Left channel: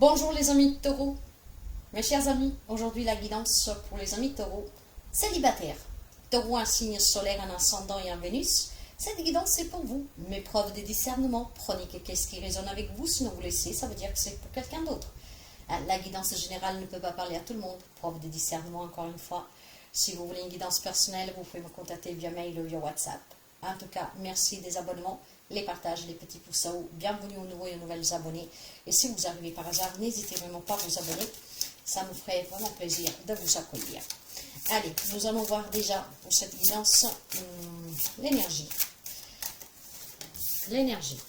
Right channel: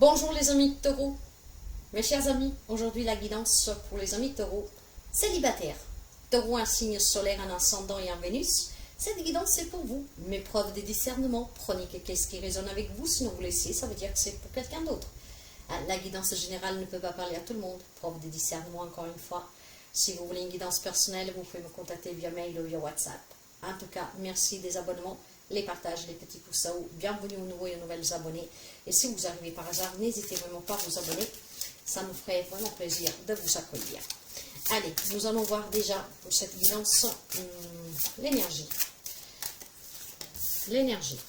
Bonjour les amis de Taureau, mes chers amis, aujourd'hui la guidance pour les amis de Taureau, célibataires. Taureau, un signe solaire, un ascendant et un Vénus. Cette guidance c'est pour vous, mes preuves de discernement. Prenez qu'est-ce qui résonne avec vous, sinon vous laissez, ça veut dire que c'est pour quelqu'un d'autre. La guidance générale ne peut pas parler à tout le monde. Preuve de discernement encore une fois. Si vous voulez une guidance personnelle, vous pouvez me contacter via mail ou via WhatsApp. En tout cas, merci des abonnements, les partages, les petits pouces à haut. Bienvenue aux nouveaux et aux nouvelles abonnés. Et si vous arrivez par hasard, n'hésitez vraiment pas à vous abonner. Ça me ferait vraiment plaisir de vous accueillir. Allez, nous allons voir déjà pour cette guidance l'énergie. L'énergie.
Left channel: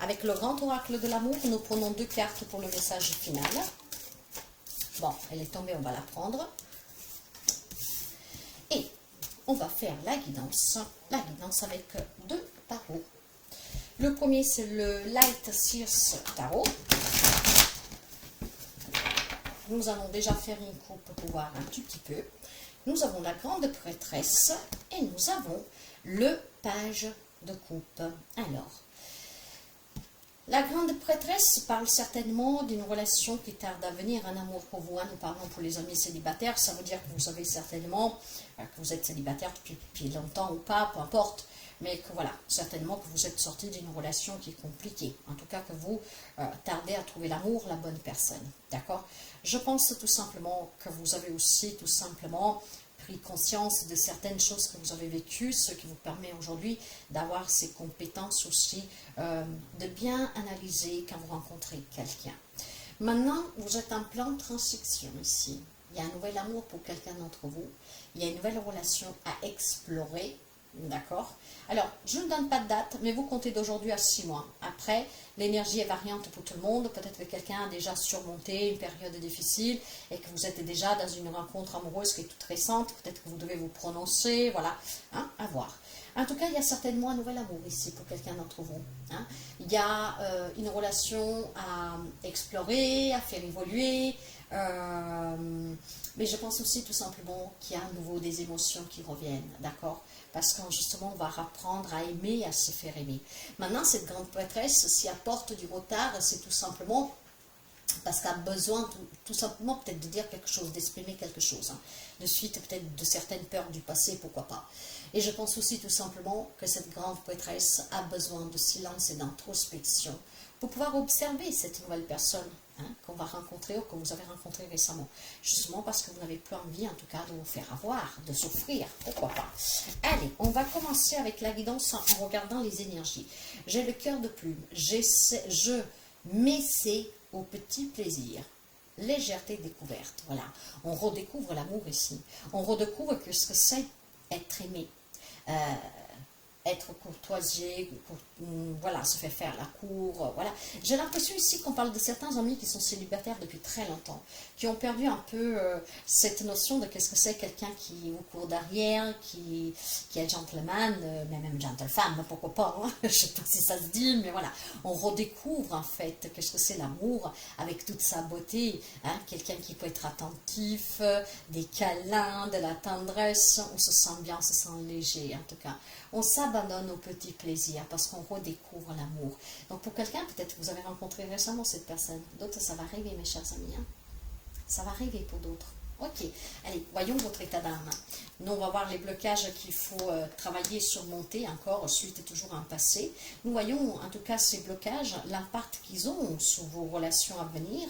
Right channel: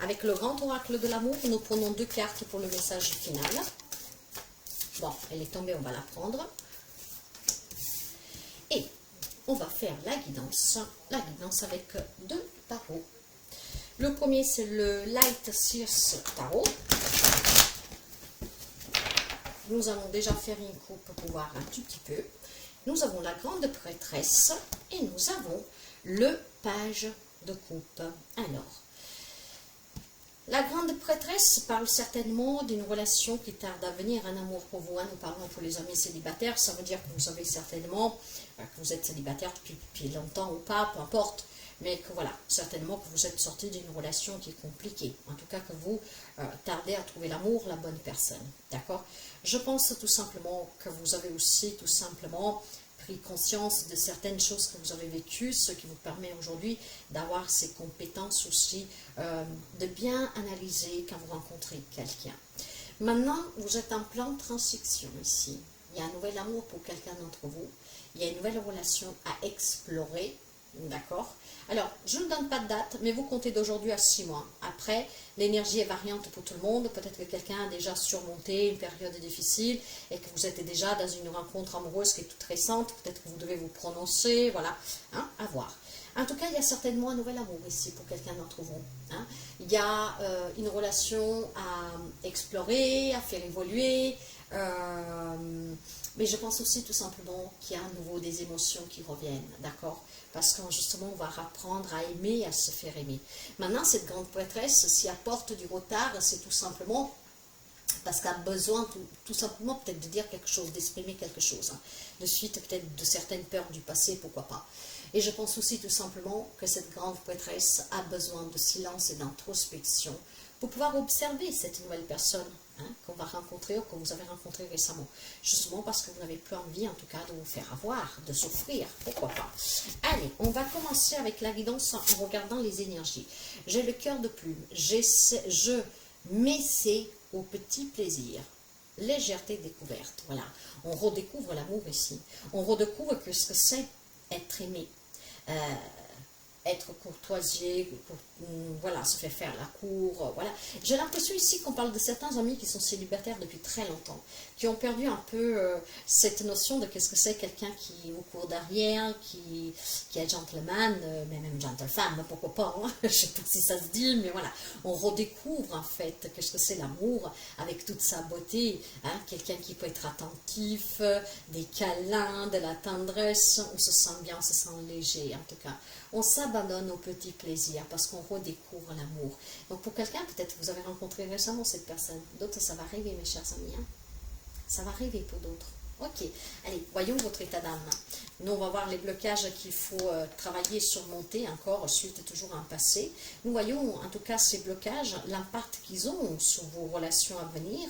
Avec le grand oracle de l'amour, nous prenons 2 cartes pour le message final. Bon, elle est tombée, on va la prendre. Et on va faire la guidance avec 2 tarots. Le premier, c'est le Light Sears Tarot. Nous allons déjà faire une coupe pour voir un tout petit peu. Nous avons la grande prêtresse et nous avons le page de coupe. Alors, la grande prêtresse parle certainement d'une relation qui tarde à venir, un amour pour vous. Nous parlons pour les amis célibataires, ça veut dire que vous savez certainement que vous êtes célibataire depuis longtemps ou pas, peu importe. Mais que voilà, certainement que vous êtes sorti d'une relation qui est compliquée. En tout cas que vous tardez à trouver l'amour, la bonne personne. D'accord? Je pense tout simplement que vous avez aussi tout simplement pris conscience de certaines choses que vous avez vécues, ce qui vous permet aujourd'hui d'avoir ces compétences aussi, de bien analyser quand vous rencontrez quelqu'un. Maintenant, vous êtes en plein transition ici. Il y a un nouvel amour pour quelqu'un d'entre vous. Il y a une nouvelle relation à explorer. D'accord? Alors, je ne donne pas de date, mais vous comptez d'aujourd'hui à 6 mois. Après, l'énergie est variante pour tout le monde. Peut-être que quelqu'un a déjà surmonté une période difficile et que vous êtes déjà dans une rencontre amoureuse qui est toute récente. Peut-être que vous devez vous prononcer, voilà, hein, à voir. En tout cas, il y a certainement un nouvel amour ici pour quelqu'un d'entre vous. Hein. Il y a une relation à explorer, à faire évoluer. Mais je pense aussi tout simplement qu'il y a à nouveau des émotions qui reviennent, d'accord? Parce que justement, on va apprendre à aimer, à se faire aimer. Maintenant, cette grande prêtresse, s'y apporte du retard, c'est tout simplement parce qu'elle a besoin tout simplement peut-être de dire quelque chose, d'exprimer quelque chose. Hein. De suite, peut-être de certaines peurs du passé, pourquoi pas. Et je pense aussi tout simplement que cette grande prêtresse a besoin de silence et d'introspection pour pouvoir observer cette nouvelle personne qu'on va rencontrer ou que vous avez rencontré récemment. Justement parce que vous n'avez plus envie, en tout cas, de vous faire avoir, de souffrir, pourquoi pas. Allez, on va commencer avec la guidance en regardant les énergies. J'ai le cœur de plume, je m'essaie au petit plaisir. Légèreté découverte, voilà. On redécouvre l'amour ici. On redécouvre que ce que c'est être aimé. Être courtoisier, voilà, se fait faire la cour, voilà. J'ai l'impression ici qu'on parle de certains amis qui sont célibataires depuis très longtemps, qui ont perdu un peu cette notion de qu'est-ce que c'est quelqu'un qui vous court derrière, qui est gentleman, mais même gentlefemme, pourquoi pas, hein. Je ne sais pas si ça se dit, mais voilà. On redécouvre en fait qu'est-ce que c'est l'amour avec toute sa beauté, hein. Quelqu'un qui peut être attentif, des câlins, de la tendresse, on se sent bien, on se sent léger en tout cas. On s'abandonne au petit plaisir parce qu'on redécouvre l'amour. Donc pour quelqu'un, peut-être que vous avez rencontré récemment cette personne. D'autres, ça va arriver, mes chers amis. Hein. Ça va arriver pour d'autres. Ok, allez, voyons votre état d'âme. Nous, on va voir les blocages qu'il faut travailler, surmonter encore, suite toujours à un passé. Nous voyons, en tout cas, ces blocages, l'impact qu'ils ont sur vos relations à venir,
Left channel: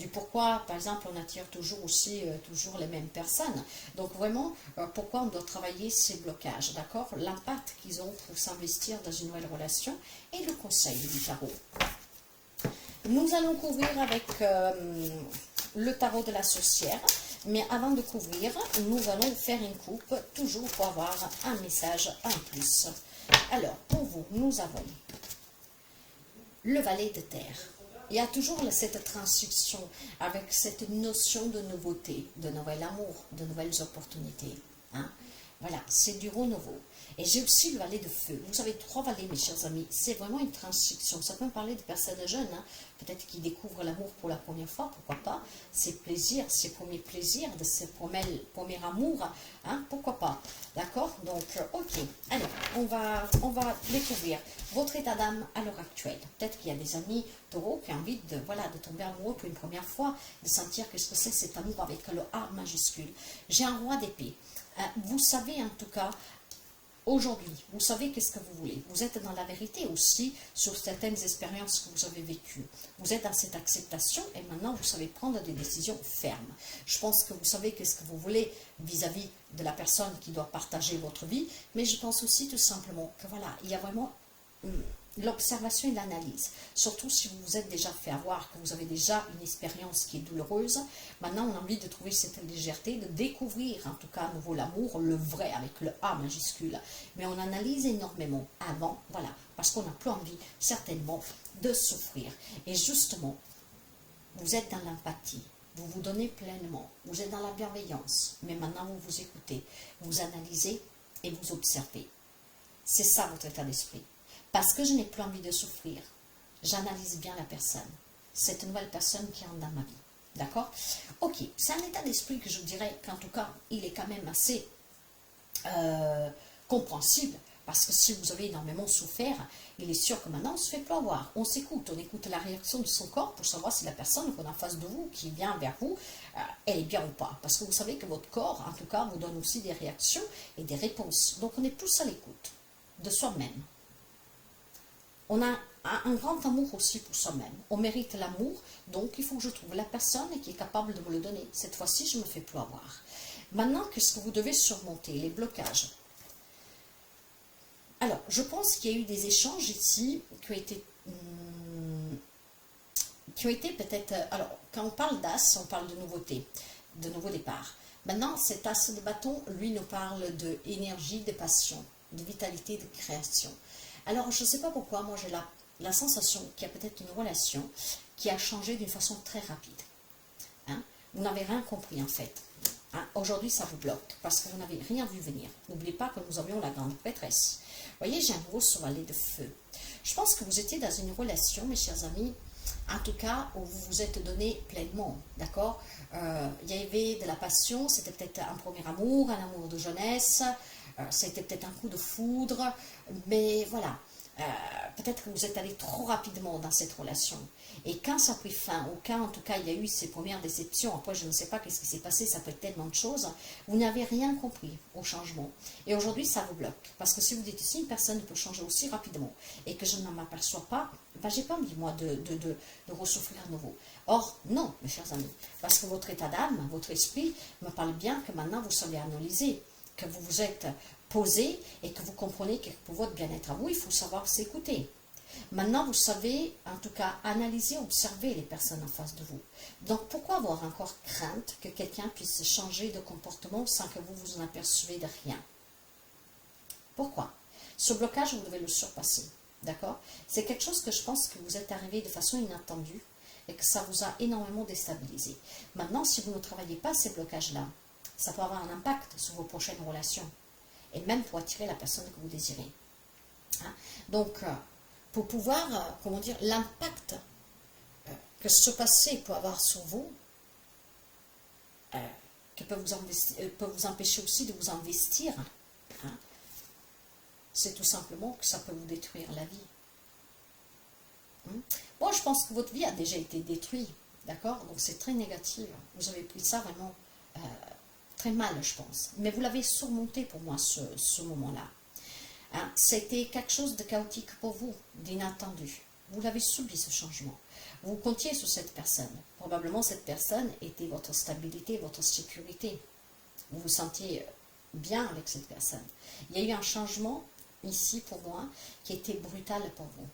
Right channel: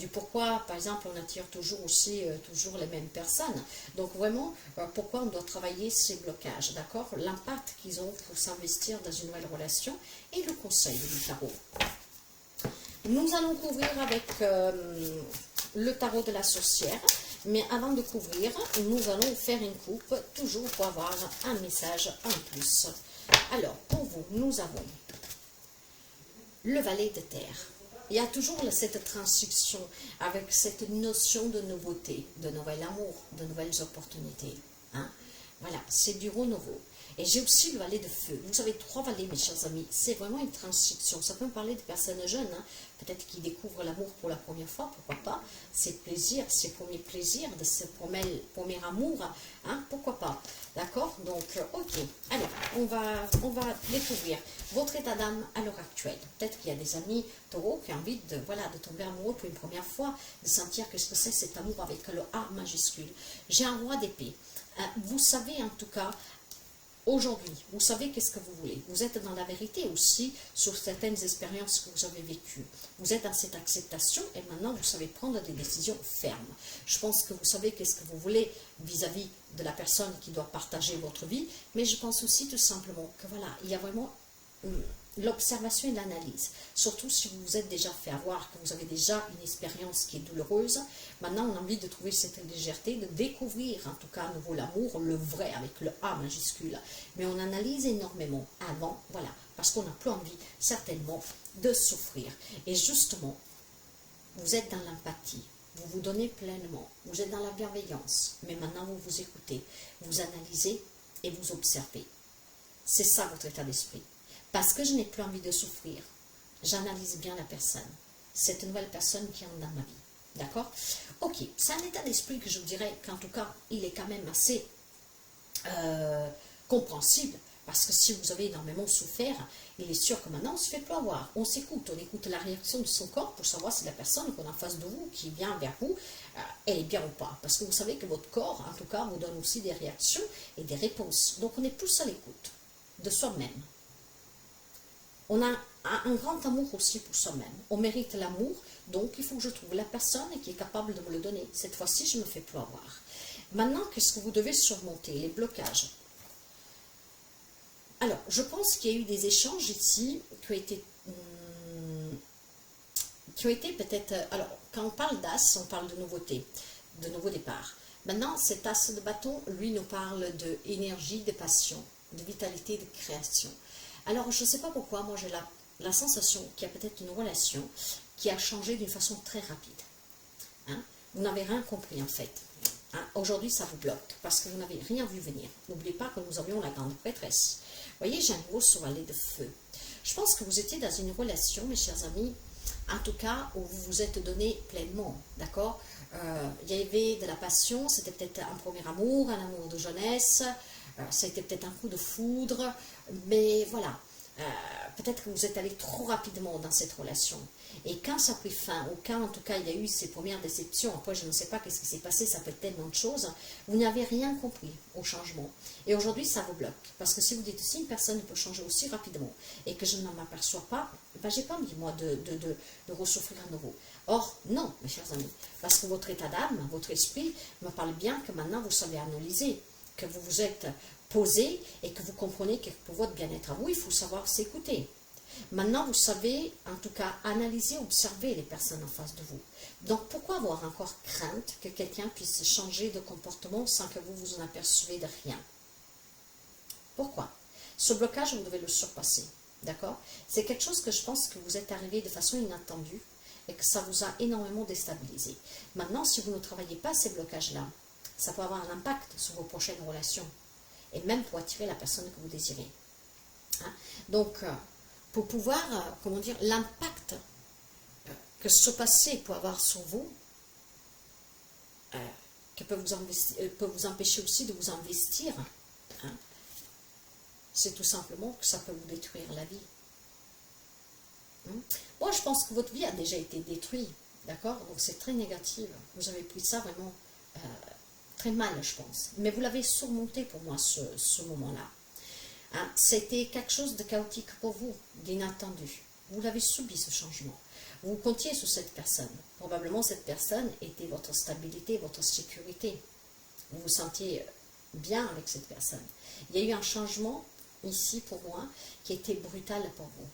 du pourquoi, par exemple, on attire toujours aussi toujours les mêmes personnes. Donc, vraiment, pourquoi on doit travailler ces blocages, d'accord? L'impact qu'ils ont pour s'investir dans une nouvelle relation et le conseil du tarot. Nous allons couvrir avec le tarot de la sorcière. Mais avant de couvrir, nous allons faire une coupe, toujours pour avoir un message en plus. Alors, pour vous, nous avons le valet de terre. Il y a toujours cette transition avec cette notion de nouveauté, de nouvel amour, de nouvelles opportunités. Hein? Voilà, c'est du renouveau. Et j'ai aussi le valet de feu. Vous avez 3 valets, mes chers amis. C'est vraiment une transition. Ça peut me parler de personnes jeunes, hein, peut-être qui découvrent l'amour pour la première fois, pourquoi pas. Ces plaisirs, ces premiers plaisirs, de ce premier amour, hein, pourquoi pas. D'accord? Donc, ok. Allez, on va découvrir votre état d'âme à l'heure actuelle. Peut-être qu'il y a des amis taureaux qui ont envie de, voilà, de tomber amoureux pour une première fois, de sentir que ce que c'est cet amour avec le A majuscule. J'ai un roi d'épée. Vous savez en tout cas, aujourd'hui, vous savez qu'est-ce que vous voulez. Vous êtes dans la vérité aussi sur certaines expériences que vous avez vécues. Vous êtes dans cette acceptation et maintenant vous savez prendre des décisions fermes. Je pense que vous savez qu'est-ce que vous voulez vis-à-vis de la personne qui doit partager votre vie, mais je pense aussi tout simplement que voilà, il y a vraiment l'observation et l'analyse. Surtout si vous vous êtes déjà fait avoir, que vous avez déjà une expérience qui est douloureuse. Maintenant, on a envie de trouver cette légèreté, de découvrir en tout cas à nouveau l'amour, le vrai avec le A majuscule. Mais on analyse énormément avant, voilà, parce qu'on n'a plus envie certainement de souffrir. Et justement, vous êtes dans l'empathie. Vous vous donnez pleinement. Vous êtes dans la bienveillance. Mais maintenant, vous vous écoutez. Vous analysez et vous observez. C'est ça votre état d'esprit. Parce que je n'ai plus envie de souffrir, j'analyse bien la personne. Cette nouvelle personne qui est dans ma vie. D'accord? Ok, c'est un état d'esprit que je dirais qu'en tout cas, il est quand même assez compréhensible. Parce que si vous avez énormément souffert, il est sûr que maintenant on se fait plus avoir. On s'écoute, on écoute la réaction de son corps pour savoir si la personne qu'on a en face de vous, qui vient vers vous, elle est bien ou pas. Parce que vous savez que votre corps, en tout cas, vous donne aussi des réactions et des réponses. Donc on est plus à l'écoute de soi-même. On a un grand amour aussi pour soi-même. On mérite l'amour, donc il faut que je trouve la personne qui est capable de me le donner. Cette fois-ci, je ne me fais plus avoir. Maintenant, qu'est-ce que vous devez surmonter? Les blocages. Alors, je pense qu'il y a eu des échanges ici qui ont été peut-être... Alors, quand on parle d'as, on parle de nouveauté, de nouveau départ. Maintenant, cet as de bâton, lui, nous parle d'énergie, de passion, de vitalité, de création. Alors, je ne sais pas pourquoi, moi j'ai la sensation qu'il y a peut-être une relation qui a changé d'une façon très rapide. Hein? Vous n'avez rien compris en fait. Hein? Aujourd'hui, ça vous bloque parce que vous n'avez rien vu venir. N'oubliez pas que nous avions la grande prêtresse. Vous voyez, j'ai un gros valet de feu. Je pense que vous étiez dans une relation, mes chers amis, en tout cas, où vous vous êtes donné pleinement, d'accord? Il y avait de la passion, c'était peut-être un premier amour, un amour de jeunesse, ça a été peut-être un coup de foudre, mais voilà, peut-être que vous êtes allé trop rapidement dans cette relation. Et quand ça a pris fin, ou quand en tout cas il y a eu ces premières déceptions, après je ne sais pas qu'est-ce qui s'est passé, ça peut être tellement de choses, vous n'avez rien compris au changement. Et aujourd'hui ça vous bloque. Parce que si vous dites, si une personne peut changer aussi rapidement et que je ne m'aperçois pas, ben, j'ai pas envie moi de ressouffrir à nouveau. Or, non, mes chers amis, parce que votre état d'âme, votre esprit me parle bien que maintenant vous savez analyser, que vous vous êtes posé et que vous comprenez que pour votre bien-être à vous, il faut savoir s'écouter. Maintenant, vous savez, en tout cas, analyser, observer les personnes en face de vous. Donc, pourquoi avoir encore crainte que quelqu'un puisse changer de comportement sans que vous vous en apercevez de rien? Pourquoi? Ce blocage, vous devez le surpasser. D'accord? C'est quelque chose que je pense que vous êtes arrivé de façon inattendue et que ça vous a énormément déstabilisé. Maintenant, si vous ne travaillez pas ces blocages-là, ça peut avoir un impact sur vos prochaines relations et même pour attirer la personne que vous désirez. Hein? Donc, pour pouvoir, comment dire, l'impact que ce passé peut avoir sur vous, que peut vous empêcher aussi de vous investir, hein, c'est tout simplement que ça peut vous détruire la vie. Moi, je pense que votre vie a déjà été détruite, d'accord? Donc, c'est très négatif. Vous avez pris ça vraiment très mal, je pense. Mais vous l'avez surmonté pour moi, ce moment-là. Hein? C'était quelque chose de chaotique pour vous, d'inattendu. Vous l'avez subi, ce changement. Vous comptiez sur cette personne. Probablement, cette personne était votre stabilité, votre sécurité. Vous vous sentiez bien avec cette personne. Il y a eu un changement ici pour moi qui était brutal pour vous.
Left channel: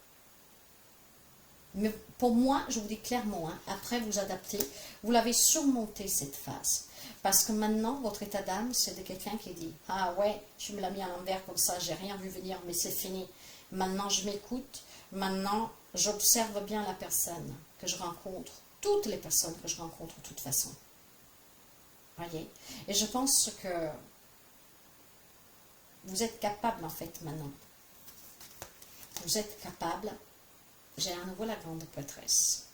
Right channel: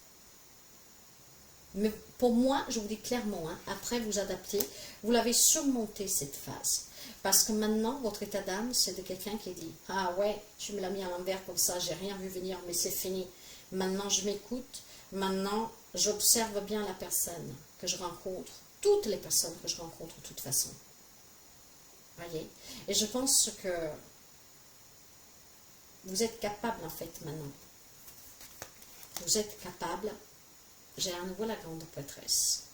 Mais pour moi, je vous dis clairement, hein, après vous adapter, vous l'avez surmonté cette phase. Parce que maintenant, votre état d'âme, c'est de quelqu'un qui dit « Ah ouais, tu me l'as mis à l'envers comme ça, j'ai rien vu venir, mais c'est fini. Maintenant, je m'écoute. Maintenant, j'observe bien la personne que je rencontre. Toutes les personnes que je rencontre, de toute façon. » Voyez? Et je pense que Vous êtes capable en fait maintenant. Vous êtes capable. J'ai à nouveau la grande prêtresse.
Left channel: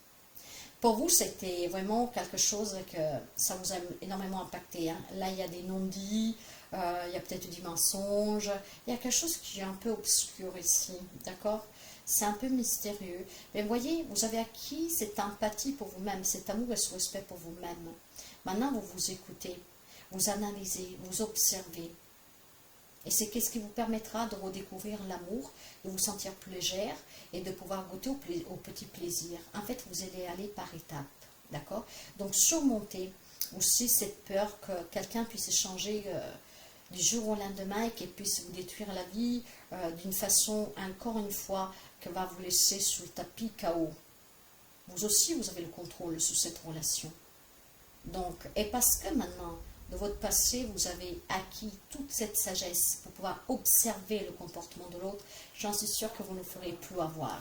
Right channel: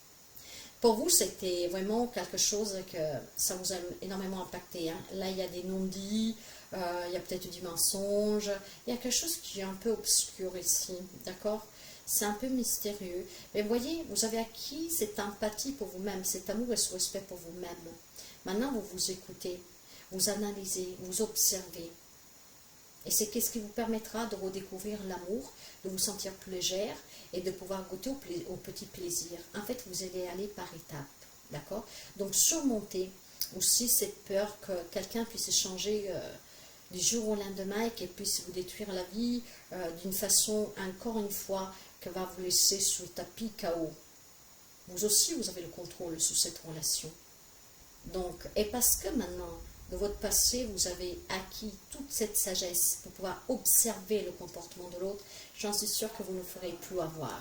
Pour vous, c'était vraiment quelque chose que ça vous a énormément impacté. Hein. Là, il y a des non-dits, il y a peut-être du mensonge, il y a quelque chose qui est un peu obscur ici, d'accord? C'est un peu mystérieux. Mais voyez, vous avez acquis cette empathie pour vous-même, cet amour et ce respect pour vous-même. Maintenant, vous vous écoutez, vous analysez, vous observez. Et c'est ce qui vous permettra de redécouvrir l'amour, de vous sentir plus légère et de pouvoir goûter au petit plaisir. En fait, vous allez aller par étapes, d'accord? Donc, surmonter aussi cette peur que quelqu'un puisse changer du jour au lendemain et qu'il puisse vous détruire la vie d'une façon, encore une fois, que va vous laisser sous le tapis KO. Vous aussi, vous avez le contrôle sur cette relation. Donc, et parce que maintenant, de votre passé, vous avez acquis toute cette sagesse pour pouvoir observer le comportement de l'autre, j'en suis sûre que vous ne ferez plus avoir.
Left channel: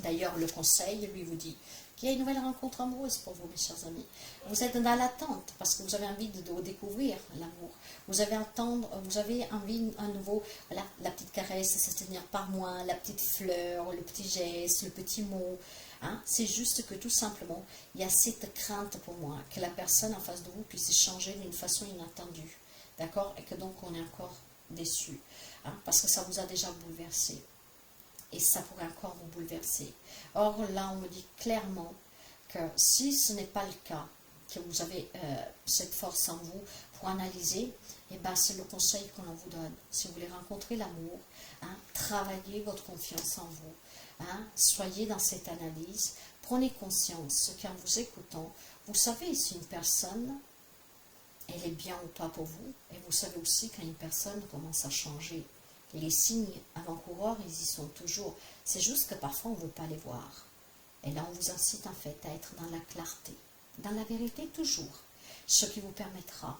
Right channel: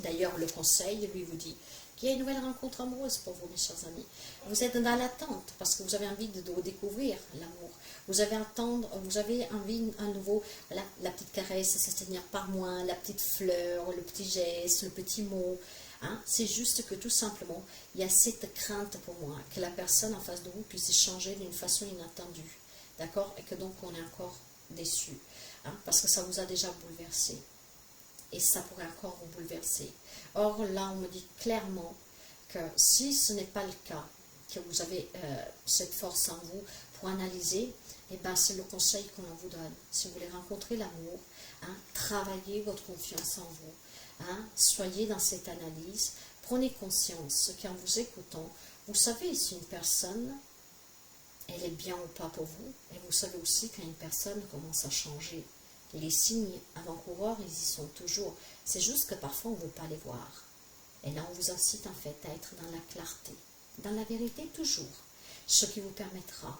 D'ailleurs, le conseil, lui, vous dit qu'il y a une nouvelle rencontre amoureuse pour vous, mes chers amis. Vous êtes dans l'attente parce que vous avez envie de découvrir l'amour. Vous avez envie à nouveau, voilà, la petite caresse, se tenir par moi, la petite fleur, le petit geste, le petit mot. Hein, c'est juste que tout simplement, il y a cette crainte pour moi que la personne en face de vous puisse changer d'une façon inattendue. D'accord? Et que donc on est encore déçu. Hein, parce que ça vous a déjà bouleversé. Et ça pourrait encore vous bouleverser. Or là, on me dit clairement que si ce n'est pas le cas, que vous avez cette force en vous pour analyser, eh ben, c'est le conseil qu'on vous donne. Si vous voulez rencontrer l'amour, hein, travaillez votre confiance en vous. Hein, soyez dans cette analyse, prenez conscience qu'en vous écoutant, vous savez si une personne, elle est bien ou pas pour vous, et vous savez aussi quand une personne commence à changer. Et les signes avant-coureurs, ils y sont toujours. C'est juste que parfois on ne veut pas les voir. Et là, on vous incite en fait à être dans la clarté, dans la vérité toujours, ce qui vous permettra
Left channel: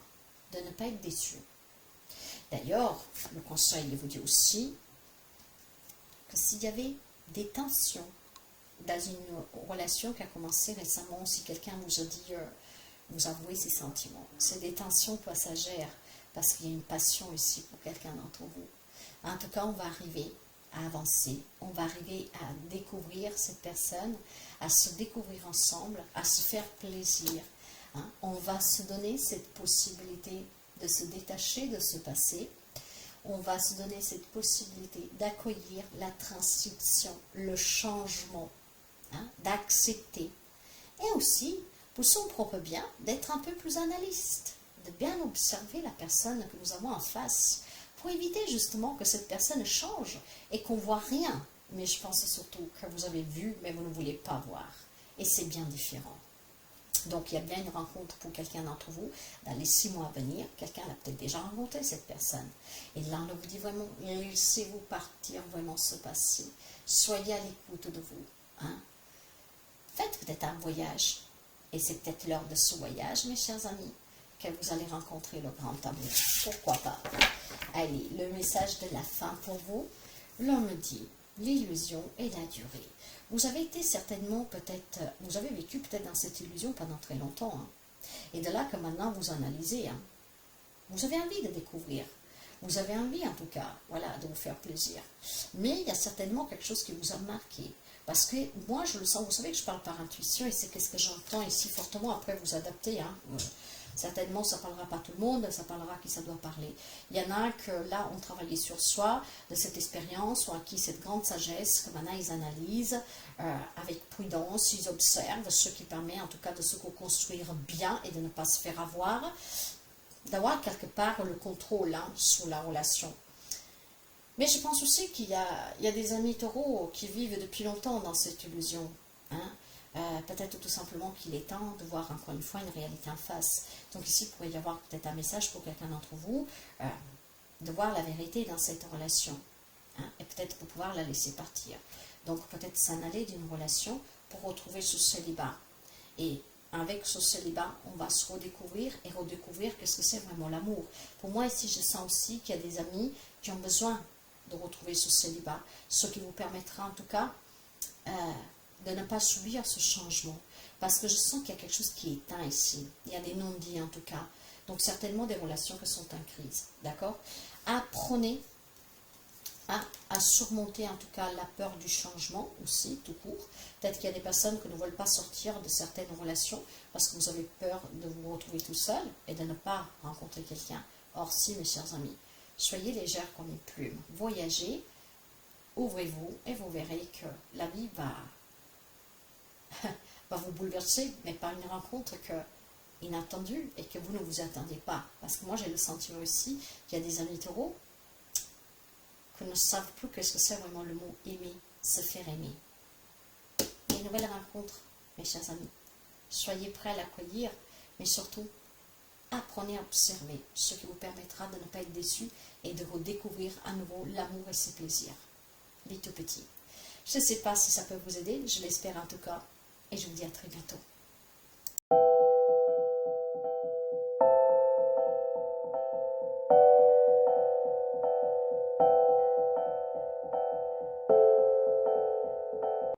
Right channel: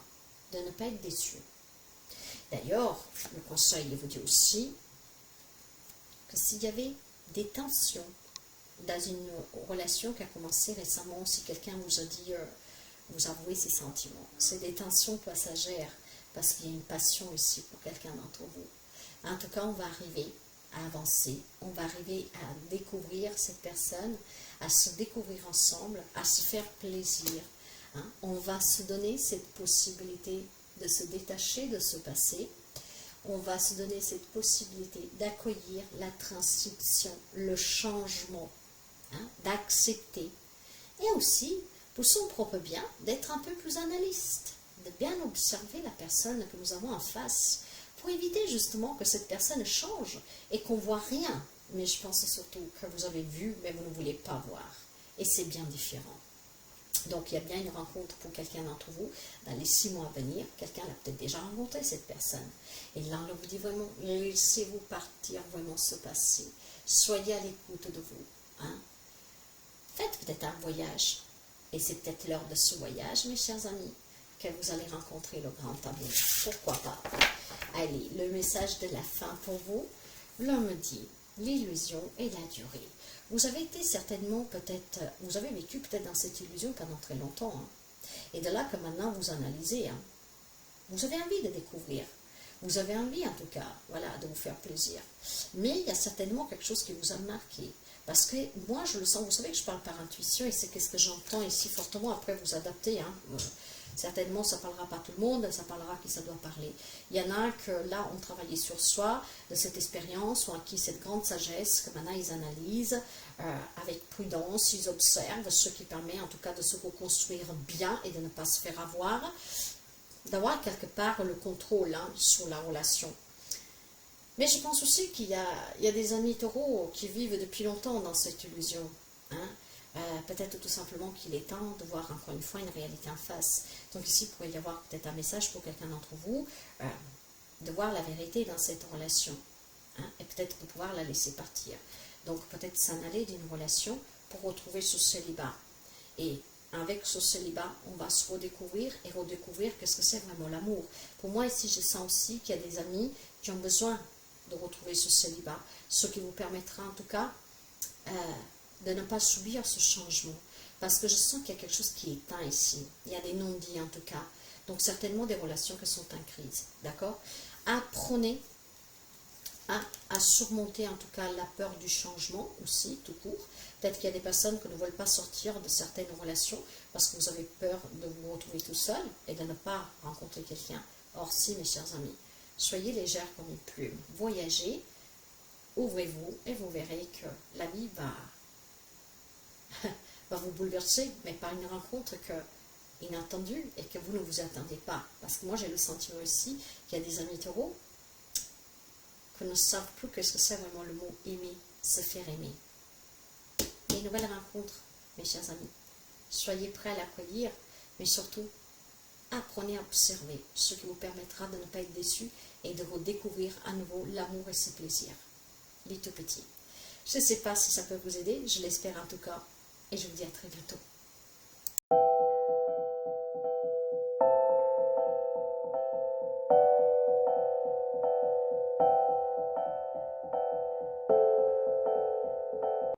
de ne pas être déçu. D'ailleurs, le conseil vous dit aussi que s'il y avait des tensions dans une relation qui a commencé récemment, si quelqu'un vous a dit, vous avouez ses sentiments, c'est des tensions passagères, parce qu'il y a une passion ici pour quelqu'un d'entre vous. En tout cas, on va arriver à avancer, on va arriver à découvrir cette personne, à se découvrir ensemble, à se faire plaisir. Hein. On va se donner cette possibilité de se détacher de ce passé. On va se donner cette possibilité d'accueillir la transition, le changement, hein, d'accepter. Et aussi, pour son propre bien, d'être un peu plus analyste, de bien observer la personne que nous avons en face, pour éviter justement que cette personne change et qu'on ne voit rien. Mais je pense surtout que vous avez vu, mais vous ne voulez pas voir. Et c'est bien différent. Donc, il y a bien une rencontre pour quelqu'un d'entre vous dans les 6 mois à venir. Quelqu'un l'a peut-être déjà rencontré, cette personne. Et là, on vous dit vraiment, laissez-vous partir vraiment ce passé. Soyez à l'écoute de vous. Hein. Faites peut-être un voyage. Et c'est peut-être lors de ce voyage, mes chers amis, que vous allez rencontrer le grand amour. Pourquoi pas? Allez, le message de la fin pour vous. L'homme dit, l'illusion et la durée. Vous avez été certainement peut-être, vous avez vécu peut-être dans cette illusion pendant très longtemps. Hein. Et de là que maintenant vous analysez. Hein. Vous avez envie de découvrir. Vous avez envie en tout cas, voilà, de vous faire plaisir. Mais il y a certainement quelque chose qui vous a marqué. Parce que moi je le sens, vous savez que je parle par intuition et c'est ce que j'entends ici fortement. Après vous adaptez. Hein. Certainement, ça ne parlera pas tout le monde, ça parlera à qui ça doit parler. Il y en a que là, ont travaillé sur soi, de cette expérience, ont acquis cette grande sagesse, que maintenant ils analysent avec prudence, ils observent, ce qui permet en tout cas de se reconstruire bien et de ne pas se faire avoir, d'avoir quelque part le contrôle hein, sur la relation. Mais je pense aussi qu'il y a des amis taureaux qui vivent depuis longtemps dans cette illusion. Hein. Peut-être tout simplement qu'il est temps de voir encore une fois une réalité en face. Donc ici, il pourrait y avoir peut-être un message pour quelqu'un d'entre vous, de voir la vérité dans cette relation, hein, et peut-être de pouvoir la laisser partir. Donc peut-être s'en aller d'une relation pour retrouver ce célibat. Et avec ce célibat, on va se redécouvrir et redécouvrir qu'est-ce que c'est vraiment l'amour. Pour moi ici, je sens aussi qu'il y a des amis qui ont besoin de retrouver ce célibat, ce qui vous permettra en tout cas de ne pas subir ce changement. Parce que je sens qu'il y a quelque chose qui est éteint ici. Il y a des non-dits en tout cas. Donc certainement des relations qui sont en crise, d'accord? Apprenez à surmonter en tout cas la peur du changement aussi, tout court. Peut-être qu'il y a des personnes qui ne veulent pas sortir de certaines relations parce que vous avez peur de vous retrouver tout seul et de ne pas rencontrer quelqu'un. Or si, mes chers amis, soyez légère comme une plume, voyagez, ouvrez-vous et vous verrez que la vie va vous bouleverser, mais par une rencontre inattendue et que vous ne vous attendez pas. Parce que moi j'ai le sentiment aussi qu'il y a des amis taureaux qui ne savent plus qu'est-ce que c'est vraiment le mot aimer, se faire aimer. Des nouvelles rencontres, mes chers amis. Soyez prêts à l'accueillir, mais surtout, apprenez à observer, ce qui vous permettra de ne pas être déçus et de redécouvrir à nouveau l'amour et ses plaisirs. Les tout petits. Je ne sais pas si ça peut vous aider, je l'espère en tout cas, et je vous dis à très bientôt.